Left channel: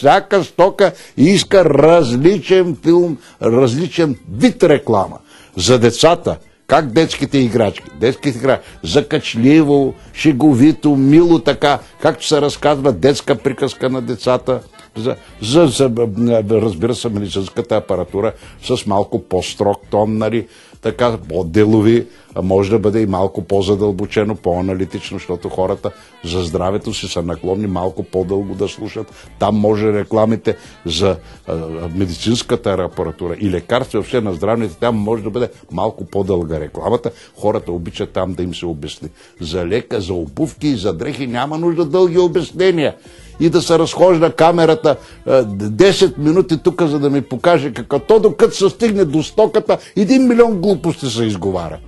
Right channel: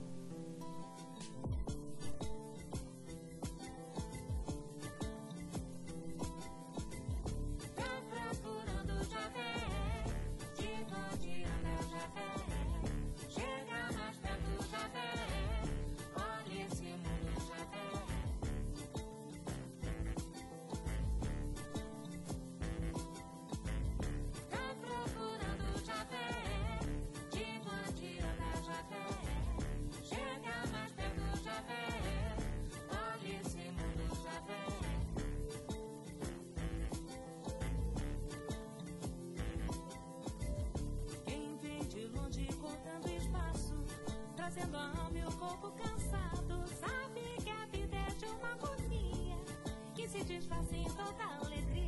всяка стока иска различен филм, различен вид реклама. За децата, как детските играчки? Детските играчки, закачливо, шеговито, мило така, както се разказва детска приказка на децата, разбира се, медицинската апаратура с малко по-строг тон, нали, така, по-делови, може да бъде и малко по-задълбочено, по-аналитично, защото хората за здравето си са наклонни малко по-дълго да слушат. Там може рекламите за медицинската апаратура и лекарства, въобще на здравните, там може да бъде малко по-дълга рекламата. Хората обичат там да им се обясни. За лека, за обувки и за дрехи няма нужда дълги обяснения. И да се разхожда камерата 10 минути тук, за да ми покаже какво. То докато се стигне до стоката, 1 милион глупости се изговаря.